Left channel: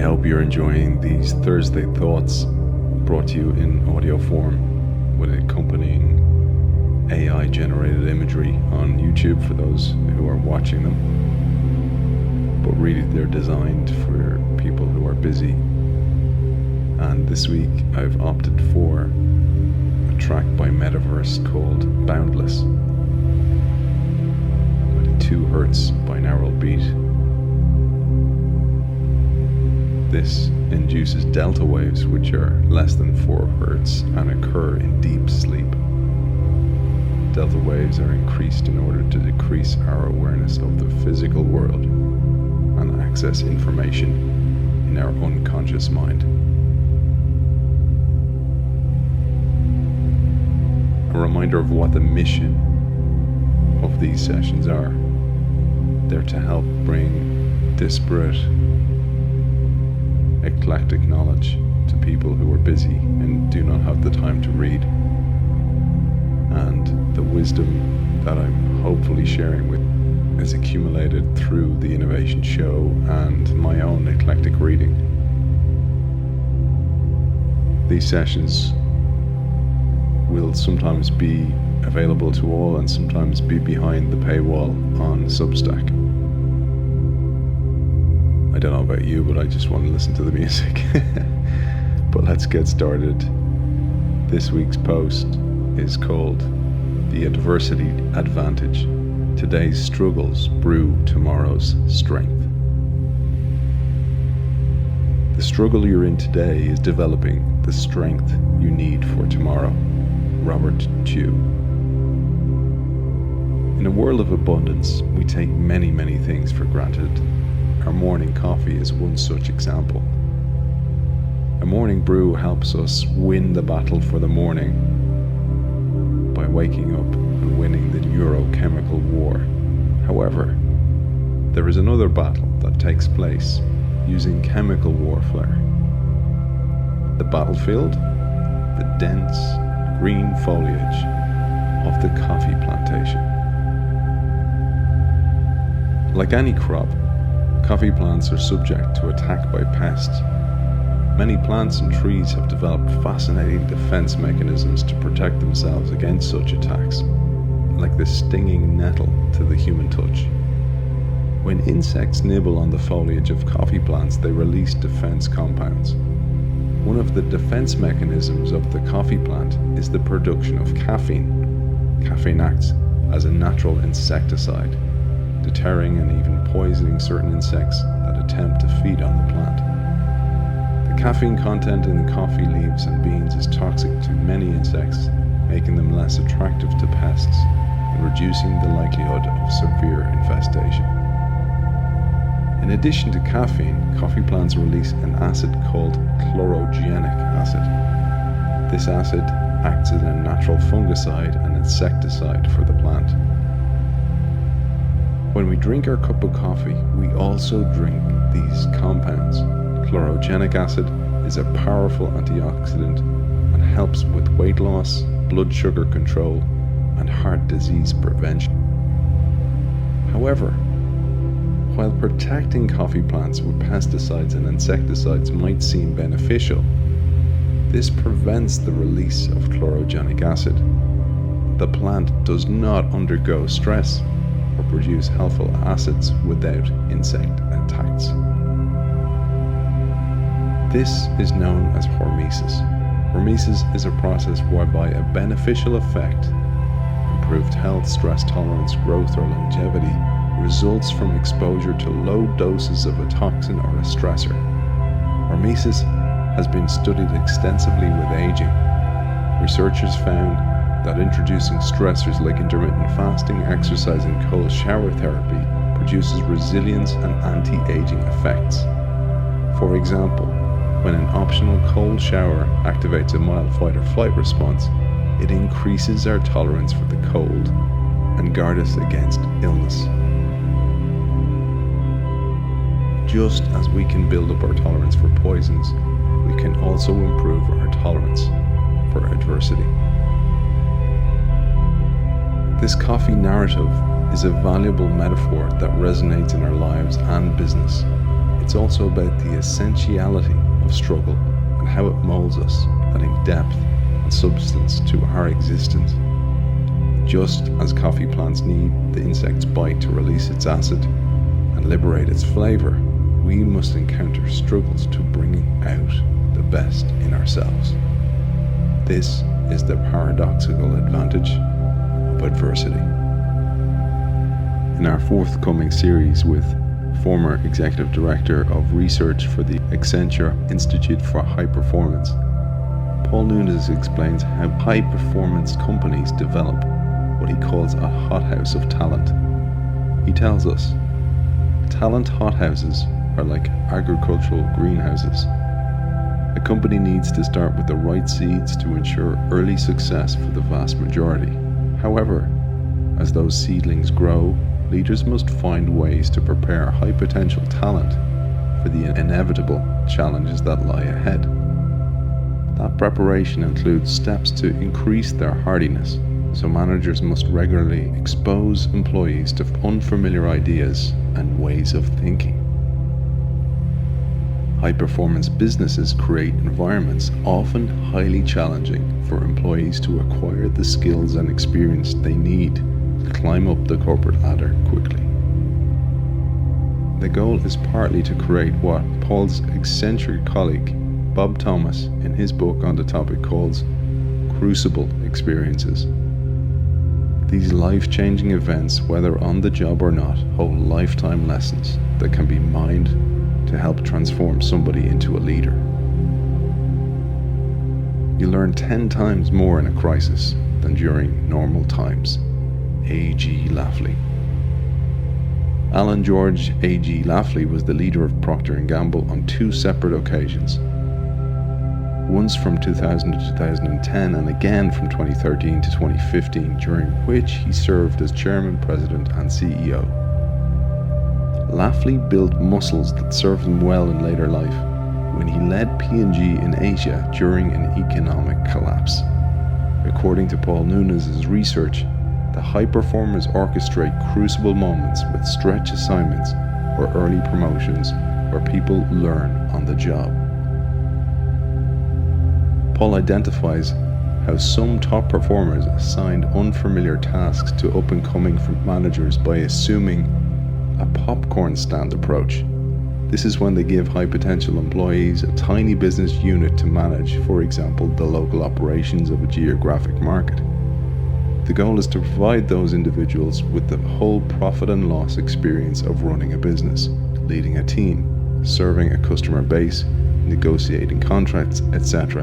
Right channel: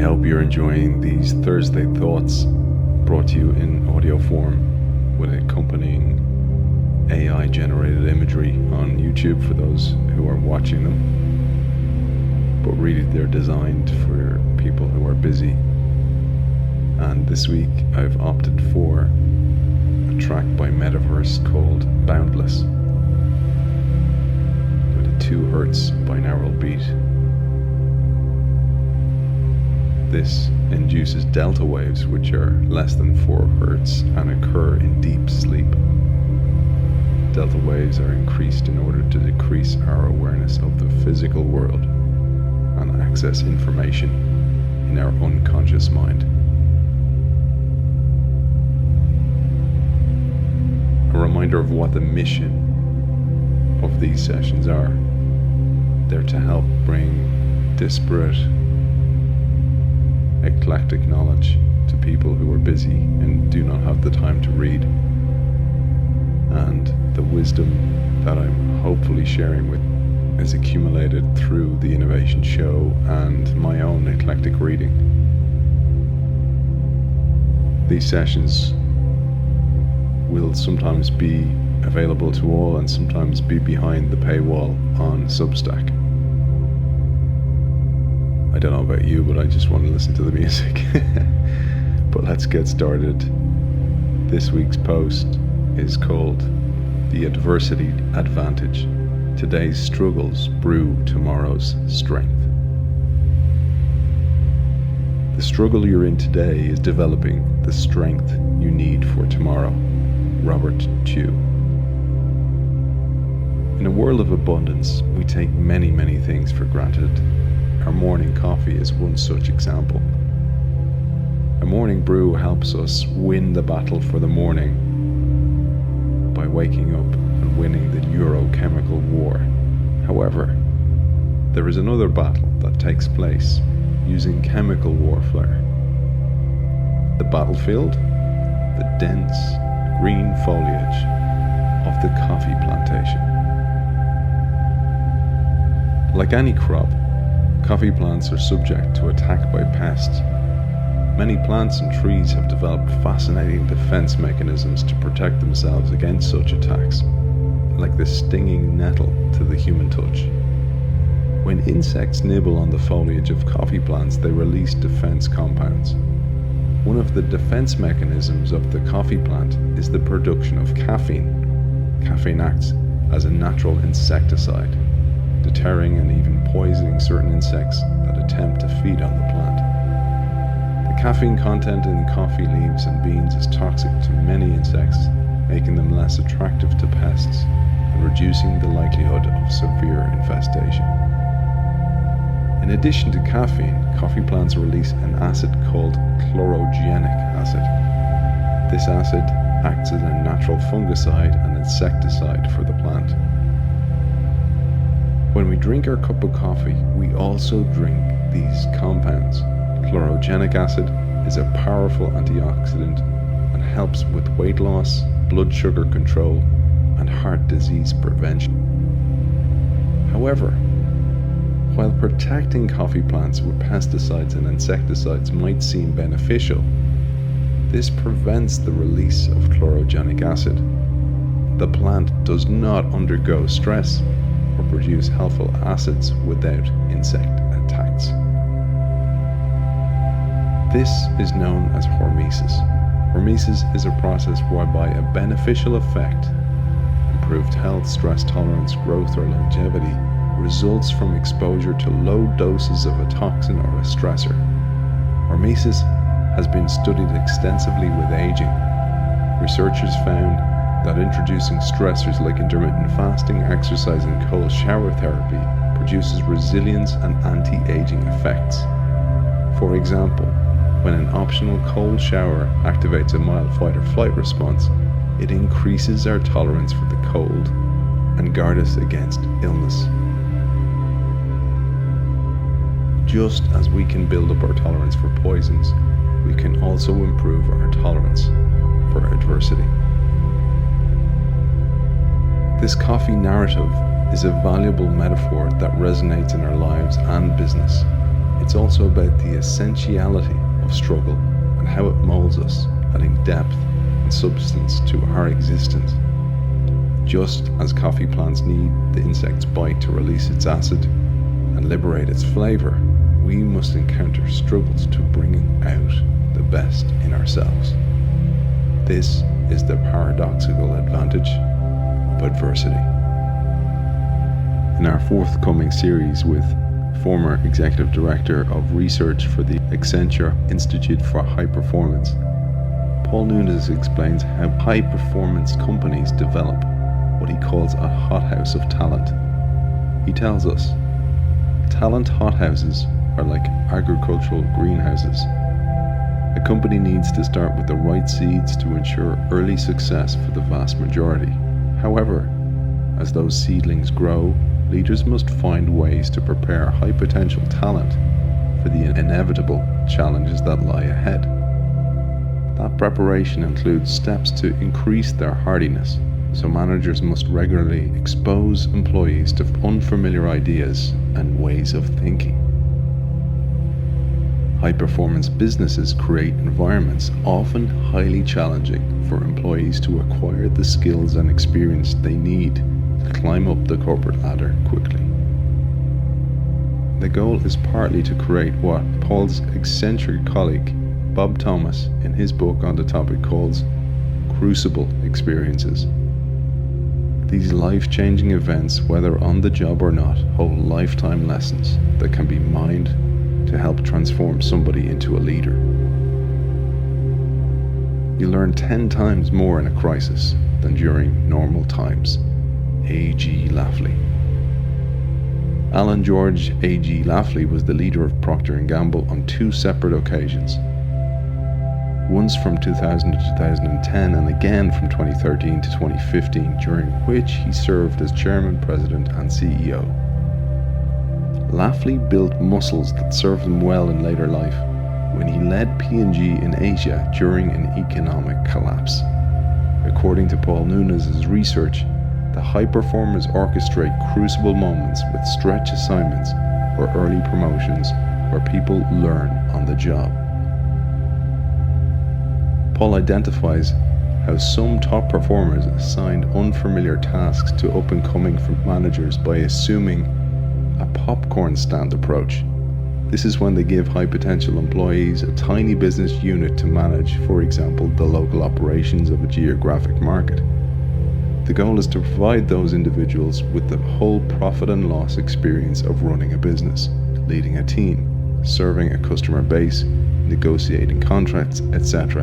hope you're enjoying these Thursday thoughts brought to you in audio form with accompanying AI generated imagery on YouTube for those who are watching them. But really they're designed for people who are busy. And this week I've opted for a track by Metaverse called Boundless with a 2 Hz binaural beat. This induces delta waves which are less than 4 Hz and occur in deep sleep. Delta waves are increased in order to decrease our awareness of the physical world and access information in our unconscious mind. A reminder of what the mission of these sessions are. They're to help bring disparate, eclectic knowledge to people who are busy and do not have the time to read. And the wisdom that I'm hopefully sharing with is accumulated through the Innovation Show and my own eclectic reading. These sessions will sometimes be available to all and sometimes be behind the paywall on Substack. I don't know about you, but I just want to listen to the music. But let's get started. This week's post is called The Adversity Advantage. Today's struggles brew tomorrow's strength. The struggle you're in today is developing the strength you need for tomorrow. Robert Chew. In a world of abundance, we take many things for granted. Our morning coffee is one such example. A morning brew helps us win the battle for the morning by waking up and winning the neurochemical war. However, there is another battle that takes place using chemical warfare. The battlefield, the dense green foliage of the coffee plantation. Like any crop, coffee plants are subject to attack by pests. Many plants and trees have developed fascinating defense mechanisms to protect themselves against such attacks, like the stinging nettle to the human touch. When insects nibble on the foliage of coffee plants, they release defense compounds. One of the defense mechanisms of the coffee plant is the production of caffeine. Caffeine acts as a natural insecticide, deterring and even poisoning certain insects that attempt to feed on the plant. The caffeine content in coffee leaves and beans is toxic to many insects, making them less attractive to pests and reducing the likelihood of severe infestation. In addition to caffeine, coffee plants release an acid called chlorogenic acid. This acid acts as a natural fungicide and insecticide for the plant. When we drink our cup of coffee, we also drink these compounds. Chlorogenic acid is a powerful antioxidant and helps with weight loss, blood sugar control, and heart disease prevention. However, while protecting coffee plants with pesticides and insecticides might seem beneficial, this prevents the release of chlorogenic acid. The plant does not undergo stress or produce helpful acids without insect attacks. This is known as hormesis. Hormesis is a process whereby a beneficial effect, improved health, stress tolerance, growth, or longevity, results from exposure to low doses of a toxin or a stressor. Hormesis has been studied extensively with aging. Researchers found that introducing stressors like intermittent fasting, exercise, and cold shower therapy produces resilience and anti-aging effects. For example, when an optional cold shower activates a mild fight or flight response, it increases our tolerance for the cold and guards us against illness. Just as we can build up our tolerance for poisons, we can also improve our tolerance for adversity. This coffee narrative is a valuable metaphor that resonates in our lives and business. It it's also about the essentiality of struggle and how it molds us, adding depth and substance to our existence. Just as coffee plants need the insect's bite to release its acid and liberate its flavour, we must encounter struggles to bringing out the best in ourselves. This is the paradoxical advantage of adversity. In our forthcoming series with former Executive Director of Research for the Accenture Institute for High Performance, Paul Nunes explains how high-performance companies develop what he calls a hothouse of talent. He tells us, talent hothouses are like agricultural greenhouses. A company needs to start with the right seeds to ensure early success for the vast majority. However, as those seedlings grow, leaders must find ways to prepare high potential talent for the inevitable challenges that lie ahead. That preparation includes steps to increase their hardiness, so managers must regularly expose employees to unfamiliar ideas and ways of thinking. High-performance businesses create environments often highly challenging for employees to acquire the skills and experience they need to climb up the corporate ladder quickly. The goal is partly to create what Paul's eccentric colleague Bob Thomas in his book on the topic calls crucible experiences. These life-changing events, whether on the job or not, hold lifetime lessons that can be mined to help transform somebody into a leader. You learn 10 times more in a crisis than during normal times. A.G. Lafley. Alan George A.G. Lafley was the leader of Procter & Gamble on 2 separate occasions. Once from 2000 to 2010 and again from 2013 to 2015, during which he served as chairman, president and CEO. Lafley built muscles that served him well in later life when he led P&G in Asia during an economic collapse. According to Paul Nunes' research, the high performers orchestrate crucible moments with stretch assignments or early promotions where people learn on the job. Paul identifies how some top performers assigned unfamiliar tasks to up-and-coming managers by assuming a popcorn stand approach. This is when they give high potential employees a tiny business unit to manage, for example, the local operations of a geographic market. The goal is to provide those individuals with the whole profit and loss experience of running a business, leading a team, serving a customer base, negotiating contracts, etc.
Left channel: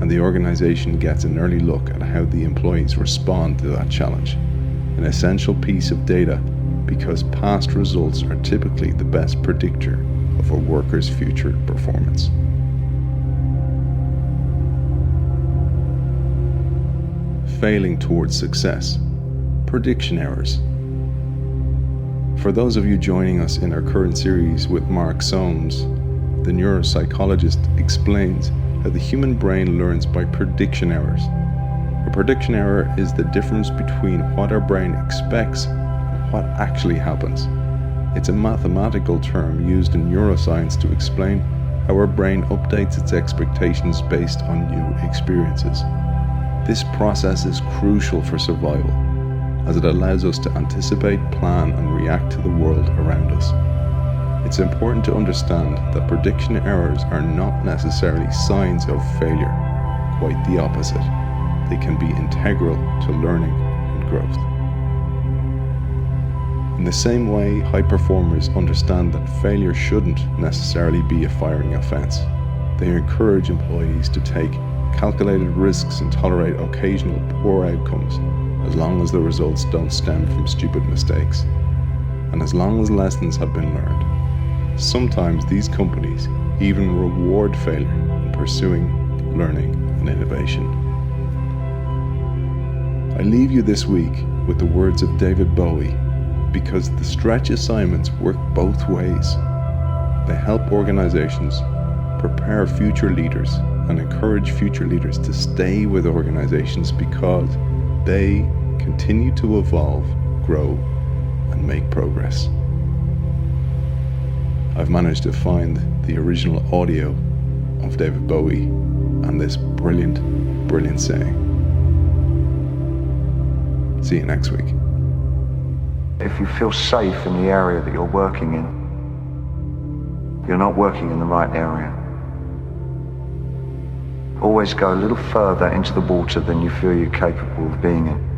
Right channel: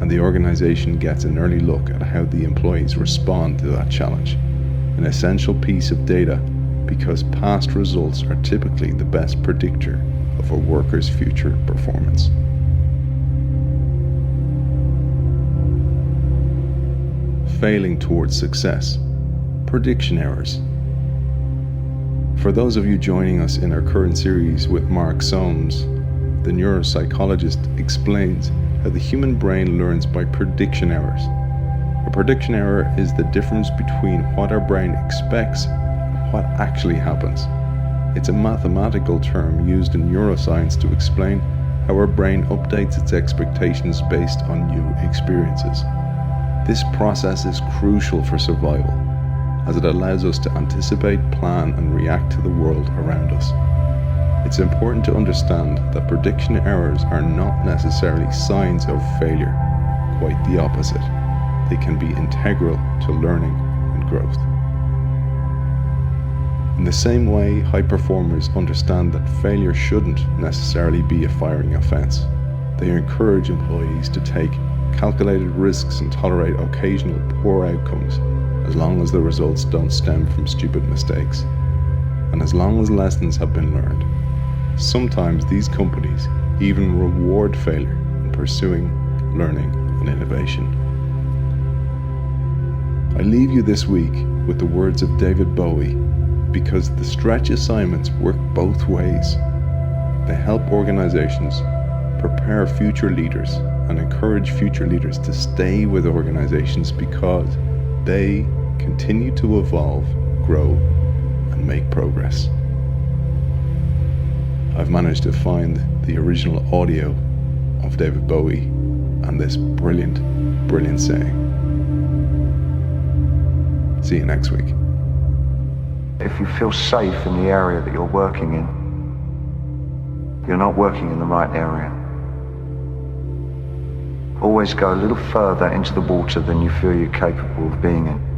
And the organization gets an early look at how the employees respond to that challenge, an essential piece of data because past results are typically the best predictor of a worker's future performance. Failing towards success. Prediction errors. For those of you joining us in our current series with Mark Soames, the neuropsychologist explains how the human brain learns by prediction errors. A prediction error is the difference between what our brain expects what actually happens. It's a mathematical term used in neuroscience to explain how our brain updates its expectations based on new experiences. This process is crucial for survival, as it allows us to anticipate, plan, and react to the world around us. It's important to understand that prediction errors are not necessarily signs of failure, quite the opposite. They can be integral to learning and growth. In the same way, high performers understand that failure shouldn't necessarily be a firing offense. They encourage employees to take calculated risks and tolerate occasional poor outcomes, as long as the results don't stem from stupid mistakes, and as long as lessons have been learned. Sometimes these companies even reward failure in pursuing learning and innovation. I leave you this week with the words of David Bowie, because the stretch assignments work both ways. They help organizations prepare future leaders and encourage future leaders to stay with organizations because they continue to evolve, grow, and make progress. I've managed to find the original audio of David Bowie and this brilliant, brilliant saying. See you next week. If you feel safe in the area that you're working in, you're not working in the right area. Always go a little further into the water than you feel you're capable of being in.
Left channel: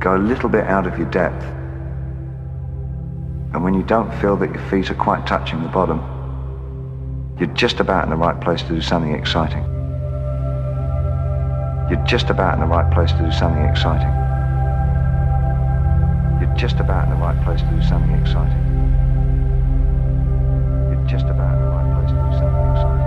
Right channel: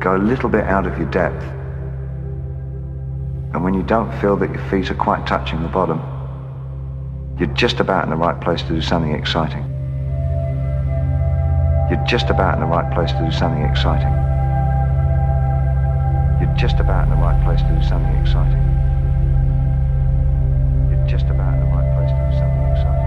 Go a little bit out of your depth. And when you don't feel that your feet are quite touching the bottom, you're just about in the right place to do something exciting. You're just about in the right place to do something exciting. You're just about in the right place to do something exciting. You're just about in the right place to do something exciting.